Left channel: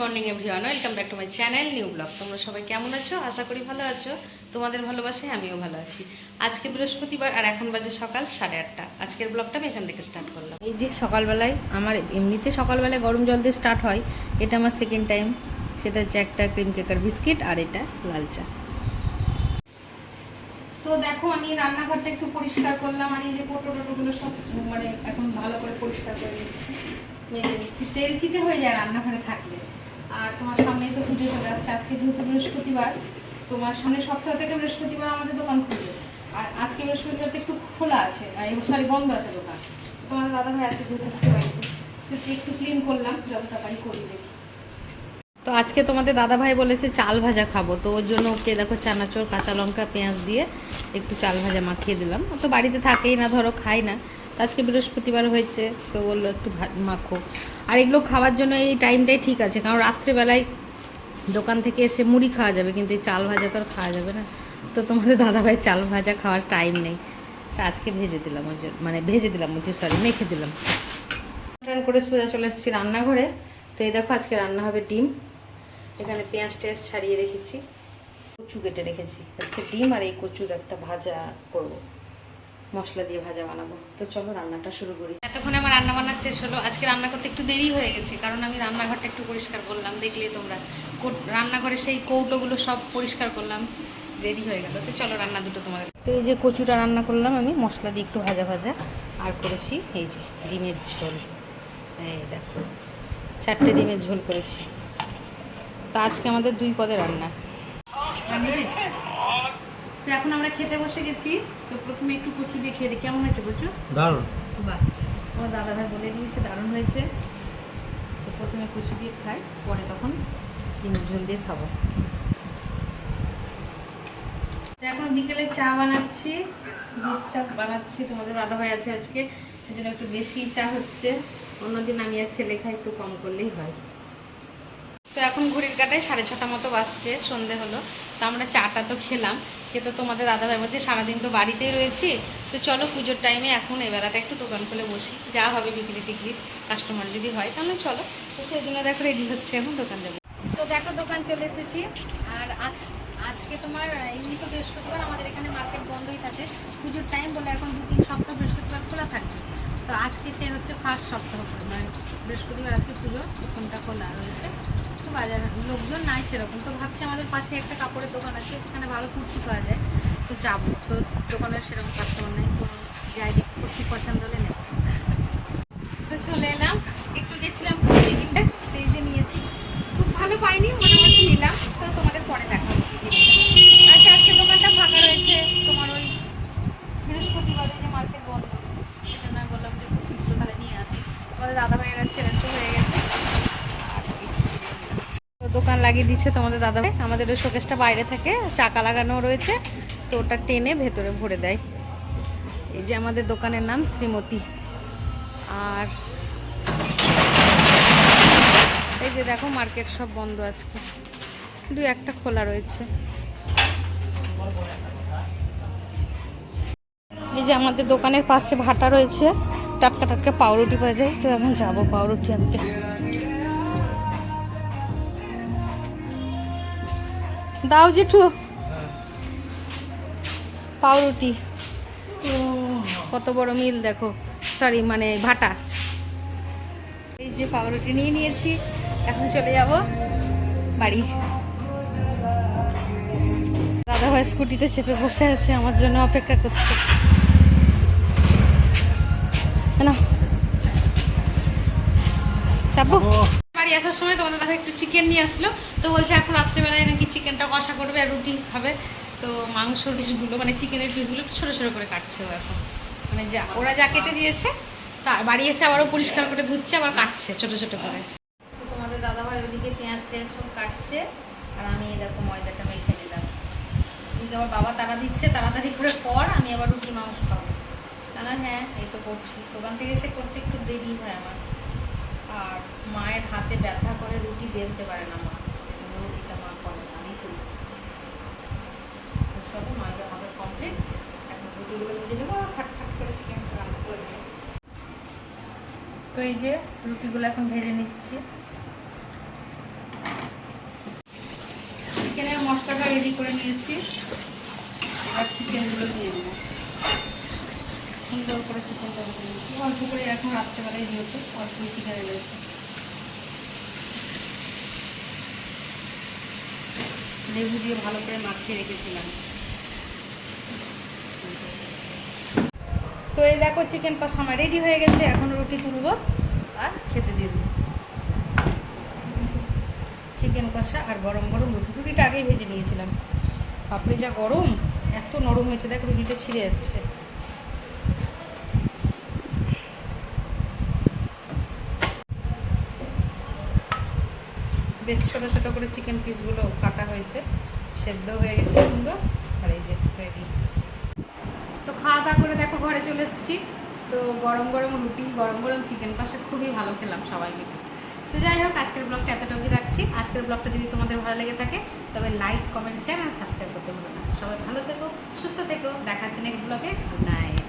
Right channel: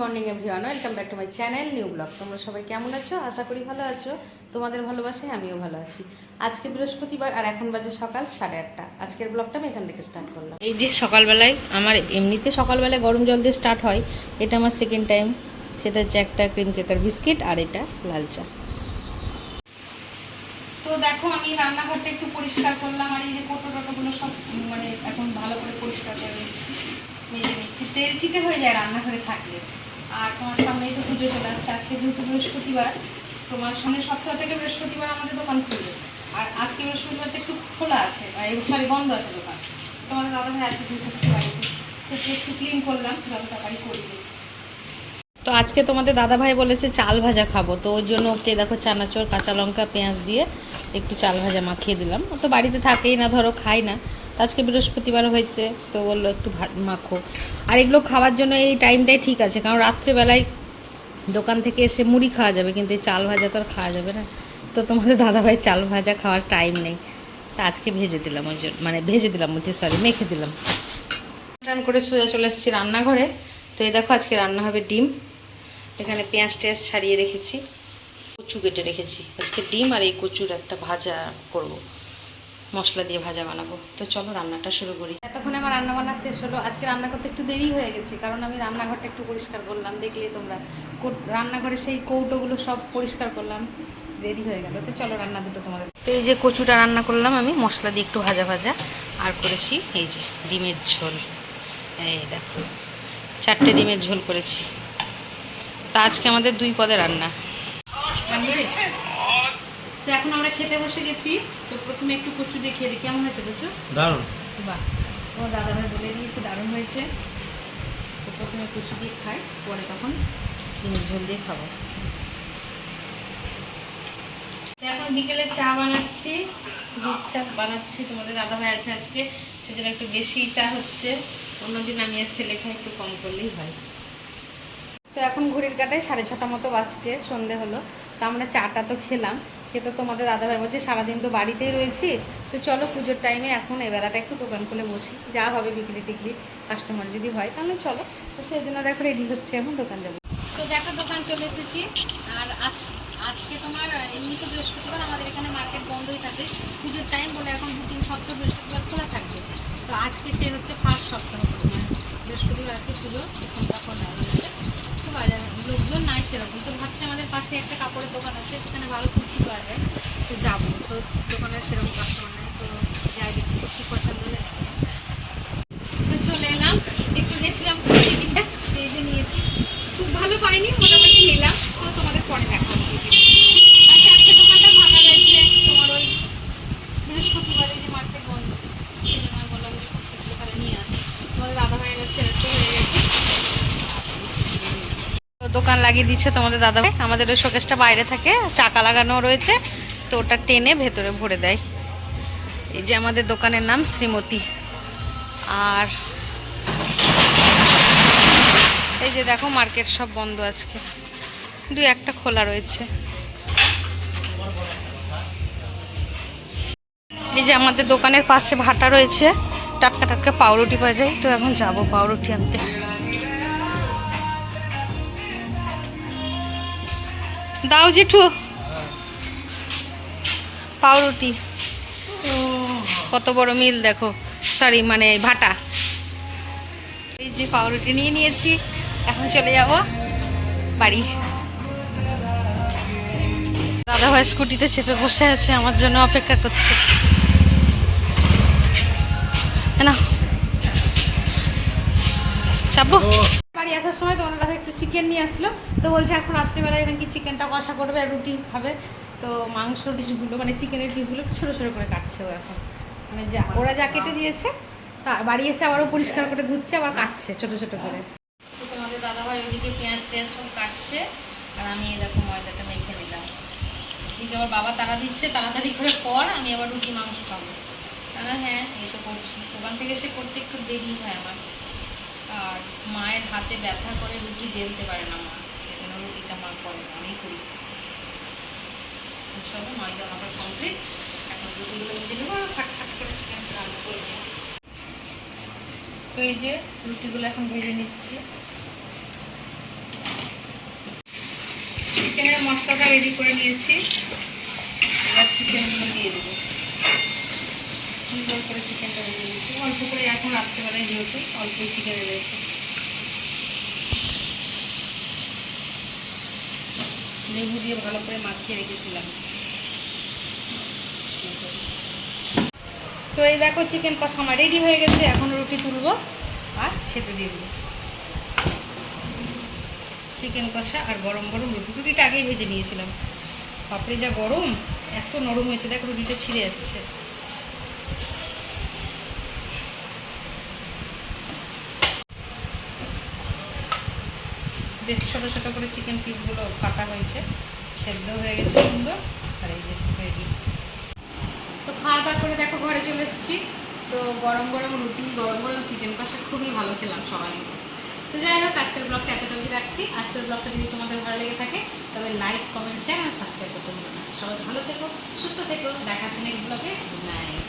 Morning everyone, welcome back to my channel, new blog. তোমরা সবাই কেমন আছো? আশা করি ভালো আছো। তোমাদের ভালোবাসায় আমিও ভালো আছি। আজকে বৃহস্পতিবার আর এখন বাজে সকাল সাড়ে আটটা। আজকের ব্লগটা আমি এখান থেকে স্টার্ট করলাম। এই যে সকালবেলায়, আমার এমনিতে সকালবেলায় গরম জল দিয়ে স্টার্ট হয়। এটা আমার সেকেন্ড টাইম সেটা হচ্ছে একটা ক্রিম কেকার বিস্কিট আর এটা লাল চা। তো দেখো, আমি রান্নাঘরটা একটু পরিষ্কার করলাম আর এই যে কোটো টোটোগুলো সব মানে এখন ভালো করে পরিষ্কার করে নিচ্ছি। মেজে নিচ্ছি। তেল চিটে হয়ে যায় রান্নাঘরে থাকলে। আর তোমার সামনেই তো পুজো চলে আসছে। আজকে যেহেতু বৃহস্পতিবার, তোমার সামনে সপ্তাহ থেকে বৃহস্পতিবার আমাদের দোকান খুলবে। আর আজকে বৃহস্পতিবার তো একটু খোলা আছে সরি, বন্ধ আছে দোকান। তোমাদের দাদা ভাই আছে যেহেতু আজকে বাড়িতে। সেটা একটু ক্লিন করলাম, যত তাড়াতাড়ি করবে। তো আজকে তোমাদের দাদা ভাই বলেছে, চাল ভাজা খাব। তো ওর জন্য ওকে দেখো চানাচোর, কাঁচা লঙ্কা, পেঁয়াজ দিয়ে একটু চাল ভাজা মাখিয়ে দিলাম। তো বাড়িতে থাকেই না, ধরো খাই না। আজকে বৃহস্পতিবার হয়েছে, তো বলল একটু ভাত মাখো। আর এগুলো খাওয়ার জন্য এই টাইমটাই ঠিক আছে, কারণ রাত্রেবেলায় দোকান থেকে এসে মুড়ি খাওয়া যাবে, কিন্তু এই চাল ভাজা তো আর খাওয়া যাবে না। তো তোমাদের দাদাভাই চাল ভাজা খাওয়ার টাইম নেই। তা আজকে ভেজে দিলাম ওই জন্য মানে ভেজে দিলাম বলছি সরি মেখে দিলাম। রান করে সোজা চলে এসেছি রান্নাঘরে। তো এই দেখো আজকে রান্না হবে ডিম। এখানে পেঁয়াজ টেয়াজ ছাড়িয়ে রেখেছি। কচু কেটে রেখেছি। আজকে ডিম আর এই কচুর একটা ভাজা করব। মশলা দিয়ে ভাজা বানাবো। তো চলো রান্নাটা শুরু করি। এতক্ষণে আমার রান্না বান্না শেষ হলো। আজকে রান্না করতে একটু দেরি হয়ে গেছে, কারণ আমি রান্নাঘরটা একটু পরিষ্কার করলাম। দেখলে তোমরা রান্নাঘরে সেই কৌটোগুলো সব পরিষ্কার করলাম। দেরি হয়ে গেল। তো চলো রান্না দুটো তোমাদের তো এই যে কচুটা রান্না করলাম আমি, মশলা দিয়ে একটু ভাজা ভাজা। আর করেছি এই যে ডিমের ঝোল। এই দেখো, চারটে ডিমের ঝোল করেছি। তা আজকে আমাদের দুই পদে রান্না। তো এখন আমরা খেতে বসে গেছি। তো প্রথমে একটু কচু দিয়ে খেয়ে দিই। কেমন হয়েছে কচু? দারুণ। বাহ তোমার দাদা ভাই বলে দিয়েছে দারুণ হয়েছে। তো প্রথমে কচু দিয়ে খাই পরে তখন ঝোল দিয়ে খাব। তো এখন বিকেলে চা বানাচ্ছি দুধ চা বানাচ্ছি তোমাদের দাদা ভাই আছে আজকে সেজন্য একটু বেশি চা হচ্ছে। অন্যদিন আমি আর ছেলে খাই একটু কম করলেই হয়। তো এখন ঘড়ির কাটায় সাড়ে ছটা মতো বাজছে সন্ধে হলো। তো আমরা চাটা তো খেলাম। খেতে তোমাদের দাদাভাই বলছে, সারাদিন তো বাড়িতেই রয়েছি। তো চলো পুজোর টাইমে এখন এই বেলাটা একটু দোকান খুলে বসি। যা হবে বিক্রি টিকরি কাস্টমার যদি হয় তাহলে চলো। তো সেই জন্য দেখো রেডি হচ্ছে, এখন দোকান যাব। তো দেখো দোকান চলে এসেছি। আর আজ, আজকে তোমার, এমনি তো বৃহস্পতিবার, আমাদের এখানে মার্কেট বন্ধই থাকে। পুজোর টাইম বলে এখন দু তিন সপ্তাহ বৃহস্পতিবার খোলা থাকবে। তো আজকে সে হচ্ছে ফার্স্ট সপ্তাহ মানে বৃহস্পতিবার আজকে পুজো, প্রথমটা খোলা রয়েছে। তো বাজারে লোকজন নাই সেরকম। তো ভাবছি আমাদের পাশে একটা কাপড়ের দোকান আছে, সেখানে ভালো কুর্তি পাওয়া যায়। তো যাব। তো দোকানের সেরকম কাস্টমার নেই, তো যাই দেখি কুর্তি পছন্দ হলে নেব তো চলে এলাম একটু গেছিলাম কুর্তি কিনতে তো এই যে নিয়েছি খুব ভালো পাইনি মোটামুটি নিলাম তো তোমাদের পরে দেখা হবে আচ্ছা আজকে দোকানটা ফাঁকা রয়েছে তোমার ওই বৃহস্পতিবারে যে মার্কেট বন্ধ এই জন্য আমি বললাম যে কুর্তিগুলো তাহলে নিয়ে আসি তোমাদের দাদা ভাইয়েরা ছেলে তো হয়ে গেছে তো দোকান লাগিয়ে দিচ্ছে তোমাদের দাদা আমাদের ওই শোকেসটা বাইরে থাকে, চাকা লাগানো রয়েছে, তো ওটা টেনে ভেতরে ভরে দেয়। এই যে আমাদের দোকানের নাম শ্রীমতী। আর এই যে দেখো মার্কেট সব বন্ধ আজকে। দুই একটা খোলা রয়েছে। এই যে আমাদের দোকানের পাশে ভাটা রয়েছে, টাটকা টাটকা পাউরুটি পাওয়া যায়, তো এখন যাব পাউরুটি আনতে। দাও জেঠু। পাউরুটি। কত বড় মিল দেখো। সরি মানে ভাটা। এই যে পাউরুটি নিয়ে নিয়েছি। এখন চলে যাব বাড়ি। দাদা ভাই স্কুটিতে চেপে বসে আছে, আমার জন্য অপেক্ষা করছে। না চাপবো? বাড়ি আসার সময় তোমাদের দাদা একটু চিকেন নিয়ে আসলো। তো বলছে, এখন রাত্রিবেলায় নাকি চিকেনটা কষা করবে আর রুটি খাবে। তো মাংস ডিশগুলো মানে চিকেনের পিসগুলো একটু ছোটো ছোটো করে কাটছে ও এখন। মানে যা, ওরা যা কেটে দিয়েছে, তা বাড়ি এসে আবারও পরিষ্কার করে ধুচ্ছে, আবার কাটছে ছোটো ছোটো করে। তো তোমাদের দাদা ভাই ওইদিকে পেঁয়াজ টেয়াজ সব কাটছে, আর আমি দেখো ময়দাটা মেখে নিলাম। এদিকে আবার বাবা তারা দিচ্ছে তাড়াতাড়ি করে পর আমি আবার রুটি মাংস খাব। তাহলে হ্যাঁ এই তো করছি। দোকান থেকে এসে করতে একটু দেরি হয় আমার। আর মায়ের হাতে ব্যথা করে রুটি বেলতে পারে না মা সেখানে রুটিটা মা করে আমি করি। সব মায়ের হাতে কমপ্লিট এখন রুটিগুলো ভেজে নেব আর ফাট ফাট করে চিকেন রান্না করে তো এই যে রুটিগুলো এখন ভেজে নিচ্ছি। চিকেনের মশলাটা রেডি করে নিয়েছি। আর চিকেনগুলো দিয়ে দেবো। সুন্দর করে চিকেনটা দিয়ে দিয়েছি। অল্প করে এখন রাত্রেবেলায় যেহেতু, অল্পই চিকেন রয়েছে লেবু দিয়ে ভালো করে মাখিয়ে রেখেছিলাম। তো এই দেখো চিকেন কষা আমার রেডি হয়ে গেছে, এখন রুটি তুলবো আর খেতে দিয়ে দেবো। চিকেন কষা আর গরম গরম রুটি। রুটিটা আগেই ভেজে নিয়েছিলাম। পাপড়ি যা গরম, এত নরম হয়েছে, দেখ রুটিটা ছিঁড়ে যাচ্ছে। বেশ ছোটো ছোটো করে চিকেন পিসগুলো কাটা হয়েছে। সেদ্ধ হয়ে গেছে সুন্দর। আর এই যে ready। তো খাওয়া দাওয়া করে দেখো ঘরে চলে এসেছি। তো গরম গরম রুটি, গরম গরম চিকেন কষা খুবই ভালো খেলাম সবাই মিলে। তো যাই হোক, আজকের ব্লগটা এতটুকুই রাখছি। আজকের ব্লগটা যদি তোমাদের ভালো লেগে থাকে, তবে লাইক কমেন্ট শেয়ার আর সাবস্ক্রাইব করতে ভুলো না। সবাই ভালো থেকো, সুস্থ থেকো। দেখাচ্ছি নেক্সট ব্লগে গুড নাইট